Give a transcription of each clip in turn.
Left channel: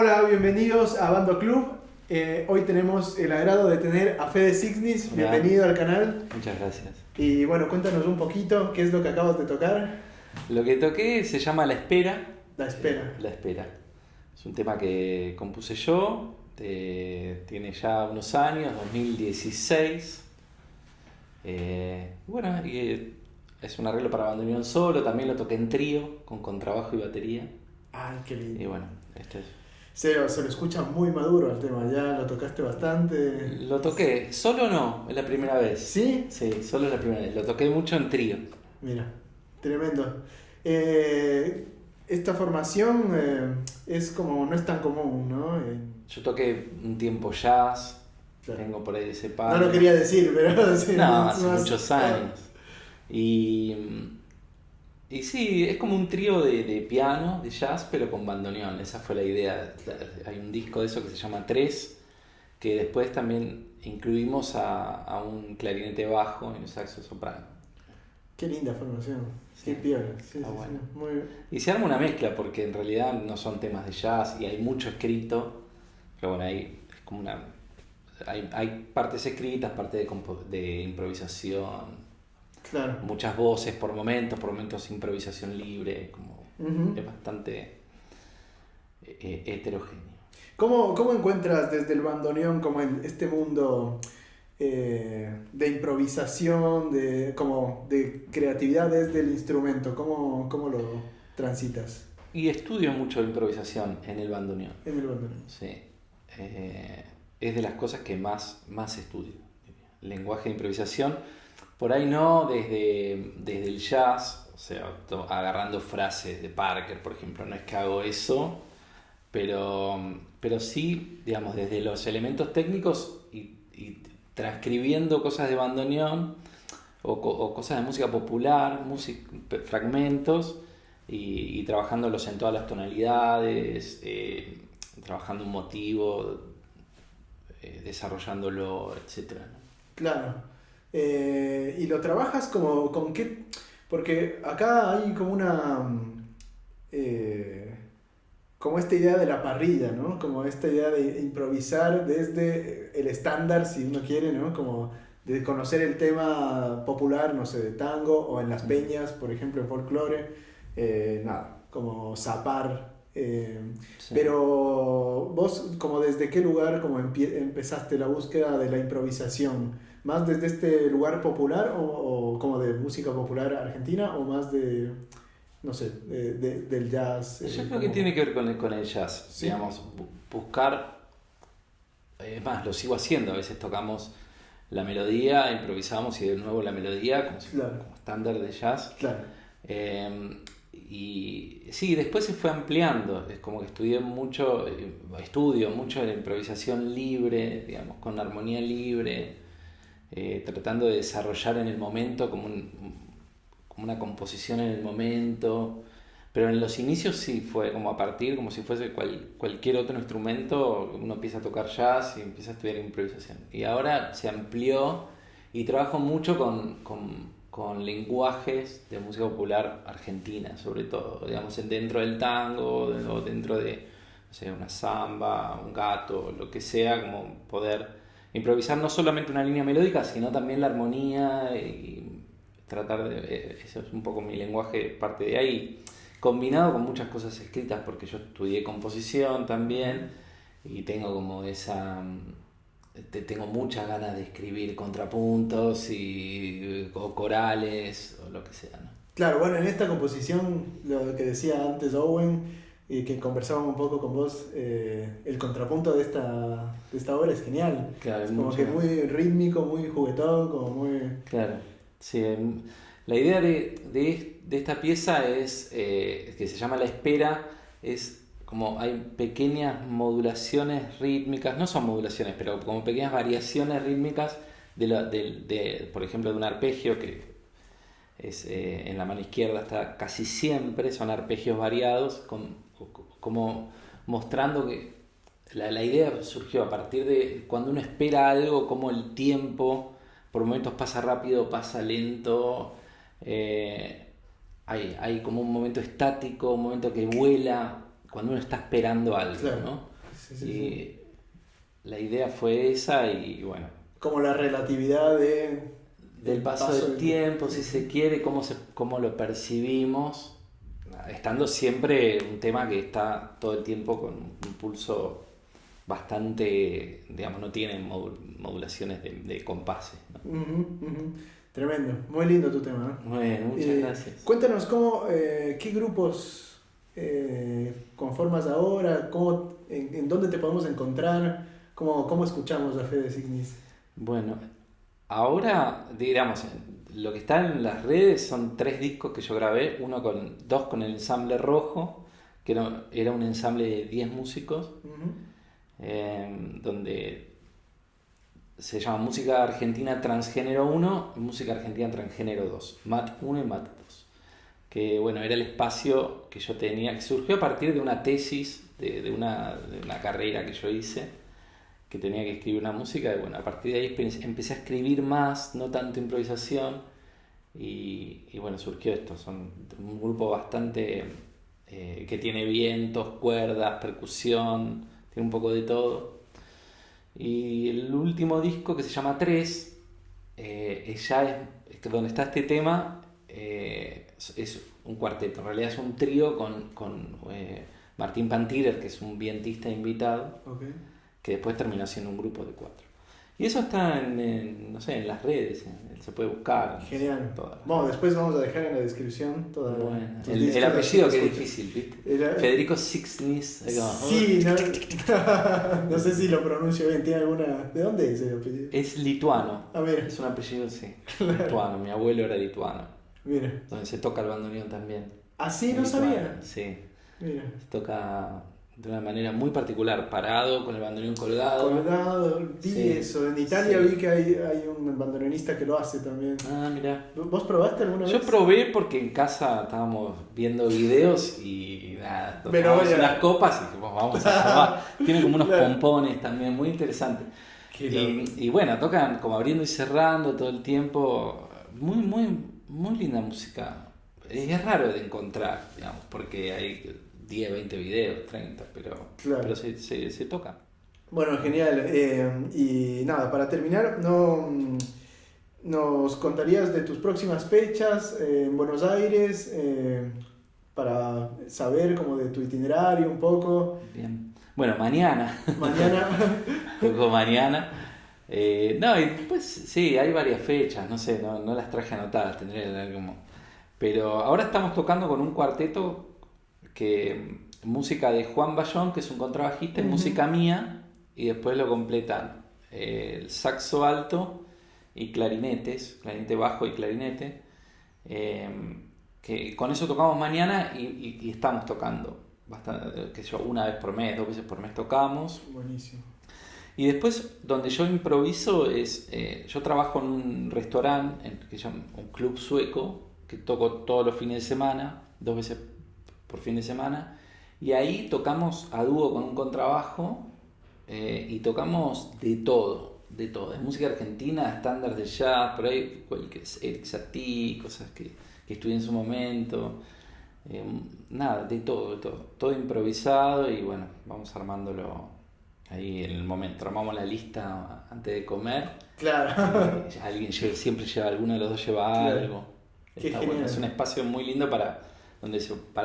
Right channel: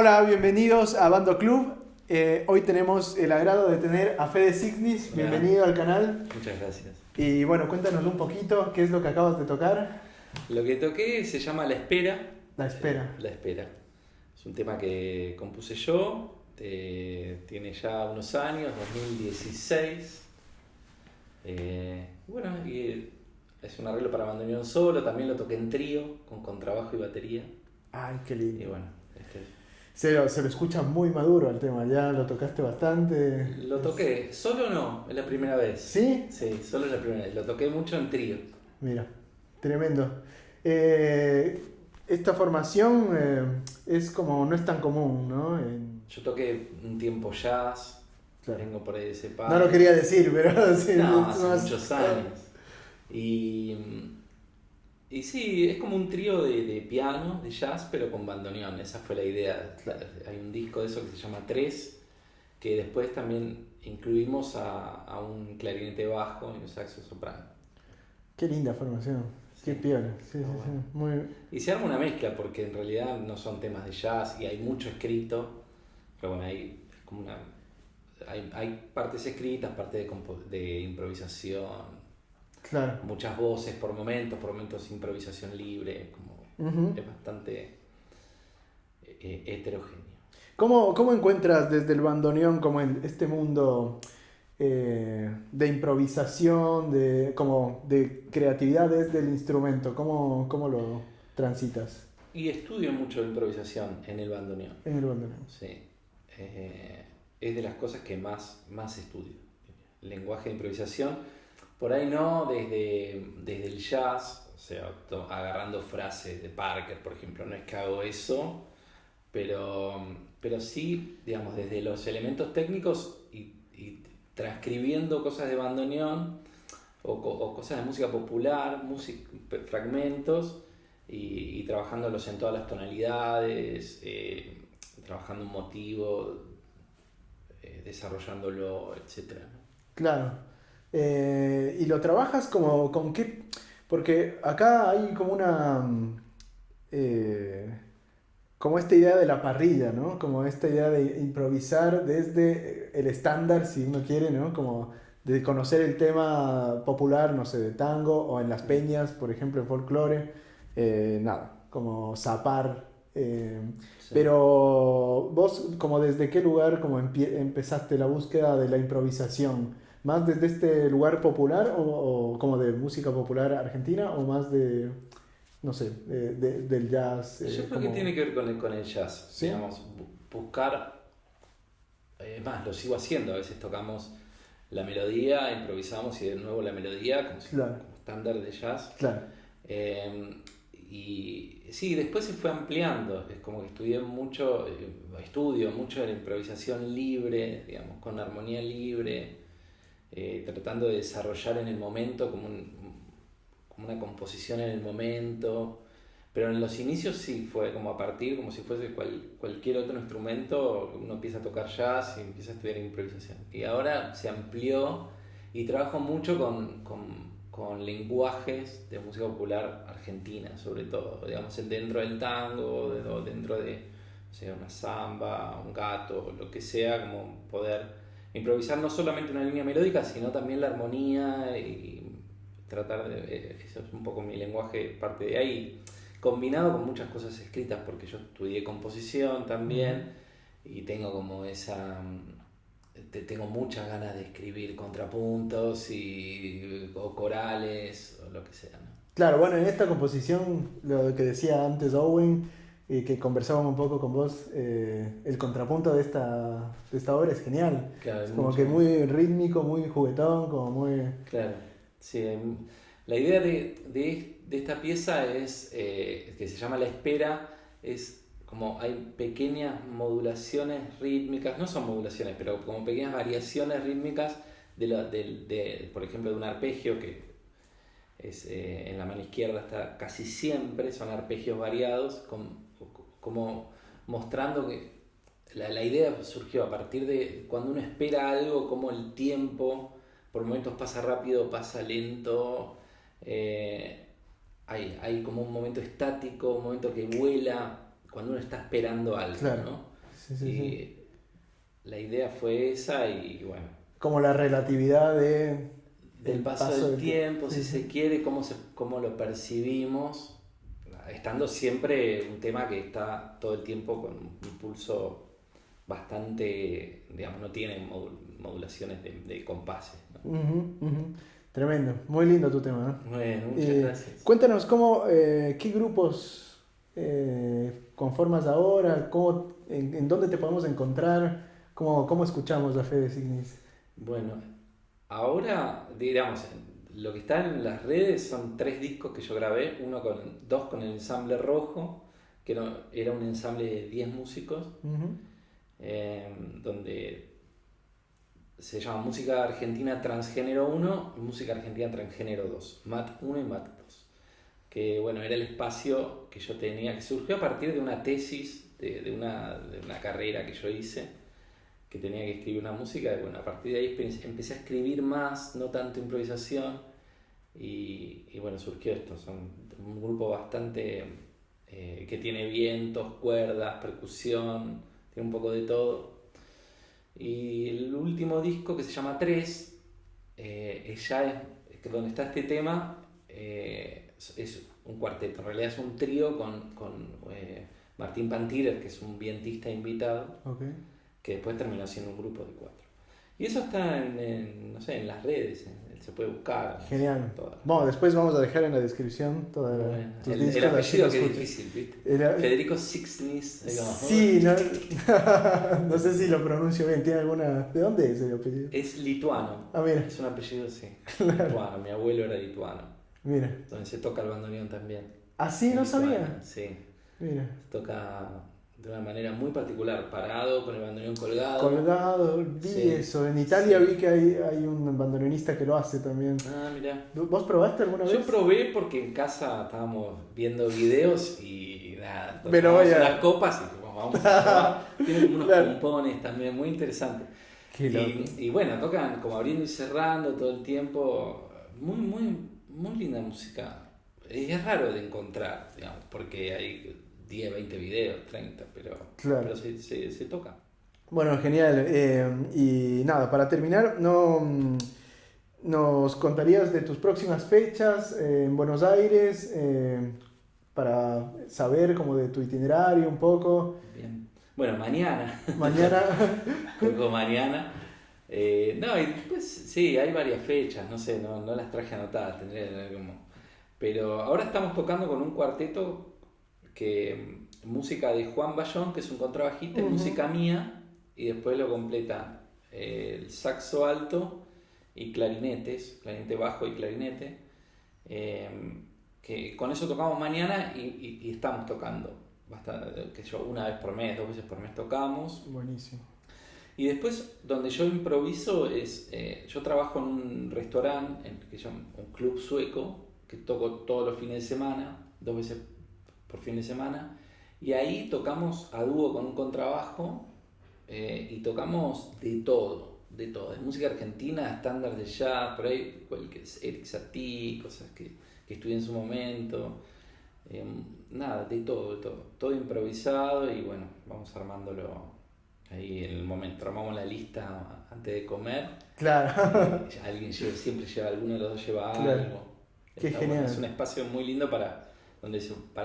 Hola, bienvenidos a Bando Club. Hoy tenemos el agrado de tener a Fede Sixnis. Bienvenido al canal. Muchas gracias. Y bueno, cuéntanos un poquito qué es lo que acabas de tocar. Lo que toqué se llama La Espera. La espera. La Espera. Es un tema que compuse yo. Tiene ya unos años, 2016. Bueno, es un arreglo para bandoneón solo. También lo toqué en trío, con contrabajo y batería. Ay, qué lindo. Y bueno, esto es. Se lo escucha muy maduro el tema, ya lo tocaste bastante. Lo toqué, solo no, es la primera vez. ¿Sí? Sí, solo es la primera vez. Lo toqué mucho en trío. Mira, tremendo. esta formación es como, no es tan común, ¿no? Yo toqué un tiempo jazz, Claro. vengo por ahí de ese No palo. lo quería decir, pero sí. No, es hace más- muchos años. Y, y sí, es como un trío de piano, de jazz, pero con bandoneón. Esa fue la idea. Claro. Hay un disco de eso que se llama Tres, que después también incluimos a un clarinete bajo y un saxo soprano. Qué linda formación. Qué Sí, piola. Sí, está sí, bueno. sí. Muy bien. Y se arma una mezcla, porque en realidad no son temas de jazz y hay mucho escrito, pero bueno, es como hay partes escritas, partes de improvisación, Claro. muchas voces por momentos improvisación libre, como Ujú. es bastante heterogéneo. ¿Cómo encuentras desde el bandoneón como en este mundo de improvisación, como de creatividad desde el instrumento? ¿Cómo lo transitas Y estudio mucho la improvisación en el bandoneón. en el bandoneón? Sí. Es de las cosas que más estudio. Lenguaje de improvisación. Por ahí no desde el jazz, o sea, agarrando frases de Parker, por ejemplo, no es que hago eso, pero sí, digamos, desde los elementos técnicos y transcribiendo cosas de bandoneón o cosas de música popular, fragmentos, y trabajándolos en todas las tonalidades, trabajando un motivo, desarrollándolo, etcétera, ¿no? Claro. ¿Y lo trabajas como con qué? Porque acá hay como como esta idea de la parrilla, ¿no? Como esta idea de improvisar desde el estándar, si uno quiere, ¿no? Como de conocer el tema popular, no sé, de tango, o en las peñas, por ejemplo, en folclore, nada, como zapar. Sí. Pero vos, como desde qué lugar como empezaste la búsqueda de la improvisación, ¿más desde este lugar popular o como de música popular argentina o más de, no sé, del jazz? Yo creo que como... tiene que ver con el jazz, ¿Sí? digamos, buscar, más, lo sigo haciendo, a veces tocamos la melodía, improvisamos y de nuevo la melodía Claro. como estándar de jazz. Claro. Y sí, después se fue ampliando, es como que estudio mucho de la improvisación libre, digamos, con armonía libre, tratando de desarrollar en el momento como una composición en el momento. Pero en los inicios sí fue como a partir, como si fuese cualquier otro instrumento, uno empieza a tocar jazz y empieza a estudiar improvisación. Y ahora se amplió y trabajo mucho con lenguajes de música popular argentina, sobre todo, digamos, dentro del tango o dentro de, no sé, una samba, un gato, lo que sea, como poder improvisar no solamente una línea melódica, sino también la armonía y tratar de, eso es un poco mi lenguaje, parte de ahí, combinado con muchas cosas escritas, porque yo estudié composición también y tengo como tengo muchas ganas de escribir contrapuntos o corales o lo que sea, ¿no? Claro, bueno, en esta composición, lo que decía antes Owen, que conversábamos un poco con vos, el contrapunto de esta obra es genial. Claro, Es como que muy rítmico, muy juguetón, como muy... Claro, sí. La idea de esta pieza es, que se llama La Espera, es como hay pequeñas modulaciones rítmicas, no son modulaciones, pero como pequeñas variaciones rítmicas por ejemplo, de un arpegio que es, en la mano izquierda está casi siempre, son arpegios variados, como mostrando que la idea surgió a partir de cuando uno espera algo, como el tiempo por momentos pasa rápido, pasa lento, hay como un momento estático, un momento que vuela, cuando uno está esperando algo, Claro. ¿no? Sí, sí, Y sí. la idea fue esa y bueno, Como la relatividad del paso del tiempo, si se quiere, cómo lo percibimos, estando siempre un tema que está todo el tiempo con un pulso bastante, digamos, no tiene modulaciones de compases, ¿no? Ujú, ujú. Tremendo, muy lindo tu tema, ¿no? Bueno, muchas gracias. Cuéntanos qué grupos conformas ahora, en dónde te podemos encontrar, cómo escuchamos a Fede Signis. Bueno, ahora, digamos, lo que está en las redes son 3 discos que yo grabé, dos con el ensamble rojo, que era un ensamble de 10 músicos, donde se llama Música Argentina Transgénero 1 y Música Argentina Transgénero 2, MAT 1 y MAT 2. Que bueno, era el espacio que yo tenía, que surgió a partir de una tesis, de una carrera que yo hice, que tenía que escribir una música, y bueno, a partir de ahí empecé a escribir más, no tanto improvisación, y bueno, surgió esto. Son un grupo bastante que tiene vientos, cuerdas, percusión, tiene un poco de todo. Y el último disco, que se llama 3, donde está este tema, es un cuarteto, en realidad es un trío con Martín Pantirer, que es un vientista invitado, que después terminó siendo un grupo de 4. Y eso está en las redes, se puede buscar. Genial. Bueno, después vamos a dejar en la descripción toda el apellido, que es difícil, ¿viste? Federico Sixnis. Sí, no sé si lo pronuncio bien. ¿Tiene alguna? ¿De dónde es el apellido? Es lituano. Ah, mira. Es un apellido, sí. Lituano. Mi abuelo era lituano. Mira. Donde se toca el bandoneón también. Ah, sí, no sabía. Sí. Mira. Se toca de una manera muy particular, parado, con el bandoneón colgado. Vi eso. En Italia vi que hay un bandoneonista que lo hace también. Ah, mira. ¿Vos probaste alguna vez? Yo probé porque en casa estábamos viendo videos y nada, pero las copas y vamos a probar. Tiene como unos pompones también muy interesantes. Y bueno, tocan como abriendo y cerrando todo el tiempo. Muy, muy, muy linda música. Es raro de encontrar, digamos, porque hay 10, 20 videos, 30, pero se toca. Bueno, genial. Y nada, para terminar, ¿nos contarías de tus próximas fechas en Buenos Aires? Para saber como de tu itinerario un poco. Bien. Bueno, mañana. Poco mañana. No, y después sí, hay varias fechas, no sé, no las traje anotadas, tendría que tener como... Pero ahora estamos tocando con un cuarteto música de Juan Bayón, que es un contrabajista, es música mía, y después lo completan el saxo alto y clarinetes, clarinete bajo y clarinete, que con eso tocamos mañana y estamos tocando bastante, que yo, una vez por mes, 2 veces por mes tocamos. Buenísimo. Y después, donde yo improviso es, yo trabajo en un restaurante que se llama un club sueco, que toco todos los fines de semana, 2 veces por fin de semana, y ahí tocamos a dúo con un contrabajo, y tocamos de todo, de música argentina, estándares de jazz, por ahí Eric Satie, cosas que estudié en su momento, nada, de todo improvisado, y bueno, vamos armándolo ahí en el momento. Armamos la lista antes de comer. Claro. Alguien siempre lleva, alguno de los dos lleva algo. Está bueno. Es un espacio muy lindo para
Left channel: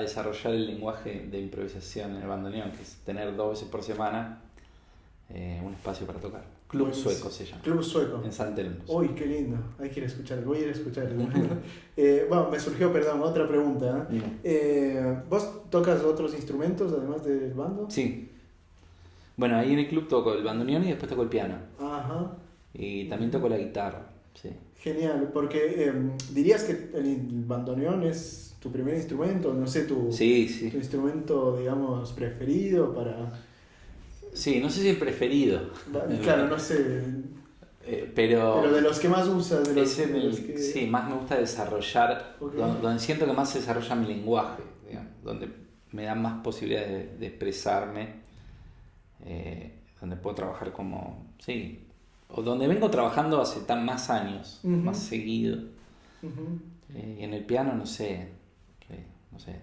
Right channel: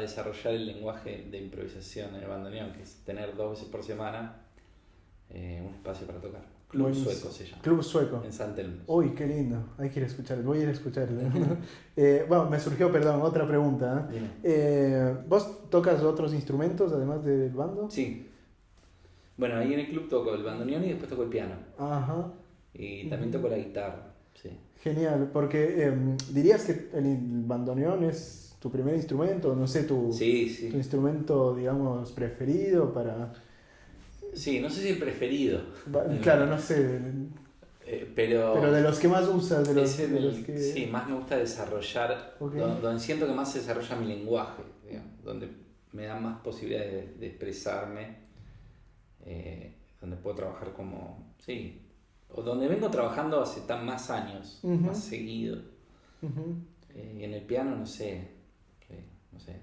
desarrollar el lenguaje de improvisación en el bandoneón, que es tener 2 veces por semana un espacio para tocar. Club Sueco se llama. Club Sueco. En San Telmo. Uy, qué lindo. Hay que ir a escuchar. Voy a ir a escuchar. Bueno, me surgió, otra pregunta. ¿Vos tocas otros instrumentos además del bando? Sí. Bueno, ahí en el club toco el bandoneón y después toco el piano. Ajá. Y también toco la guitarra. Sí. Genial, porque dirías que el bandoneón es tu primer instrumento, no sé, tu instrumento, digamos, preferido para... Sí, no sé si el preferido. Claro, no sé. Pero de los que más usas. Sí, más me gusta desarrollar, donde siento que más se desarrolla mi lenguaje, digamos, donde me dan más posibilidades de expresarme, donde puedo trabajar como... Sí, o donde vengo trabajando hace más años, más seguido. Y en el piano no sé,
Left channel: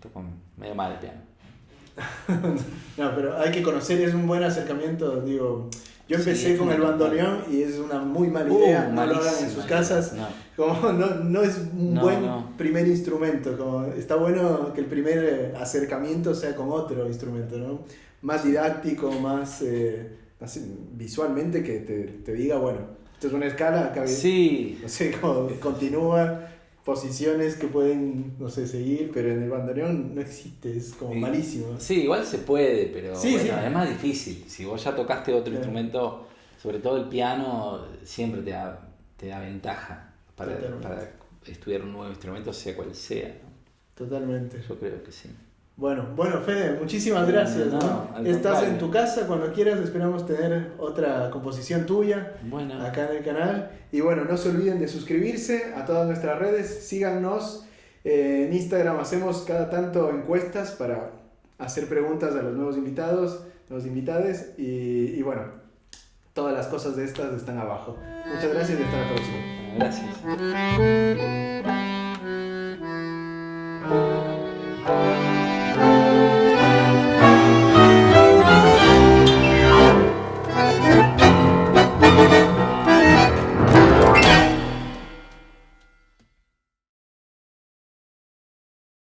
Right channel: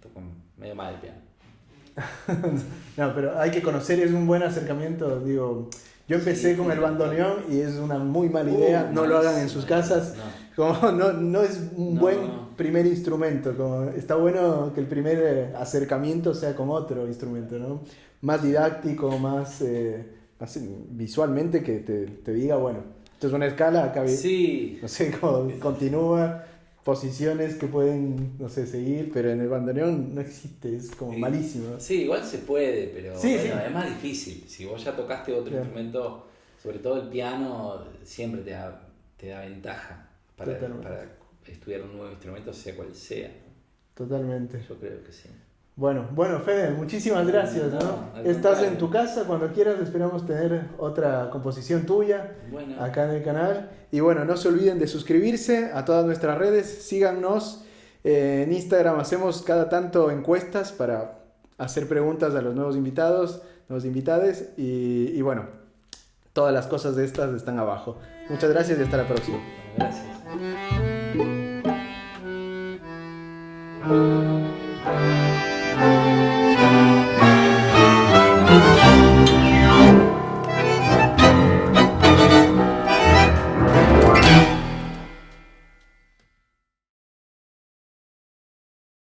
toco medio mal el piano. No, pero hay que conocer, es un buen acercamiento, digo, yo empecé con el bandoneón y es una muy mala idea, no lo hagan en sus casas, como no es un buen primer instrumento, como está bueno que el primer acercamiento sea con otro instrumento, ¿no? Más didáctico, más visualmente, que te diga, bueno, esto es una escala, acá no sé, continúa, posiciones que pueden, no sé, seguir, pero en el bandoneón no existe, es como malísimo. Sí, igual se puede, pero es más difícil. Si vos ya tocaste otro instrumento, sobre todo el piano, siempre te da ventaja para estudiar un nuevo instrumento, sea cual sea, ¿no? Totalmente. Yo creo que sí. Bueno, Fede, muchísimas gracias. Estás en tu casa, cuando quieras, esperamos tener otra composición tuya acá en el canal. Y bueno, no se olviden de suscribirse a todas nuestras redes, síganos. En Instagram hacemos cada tanto encuestas para hacer preguntas a los nuevos invitados, los invitades. Y bueno, todas las cosas de estas están abajo. Muchas gracias y hasta la próxima. Gracias.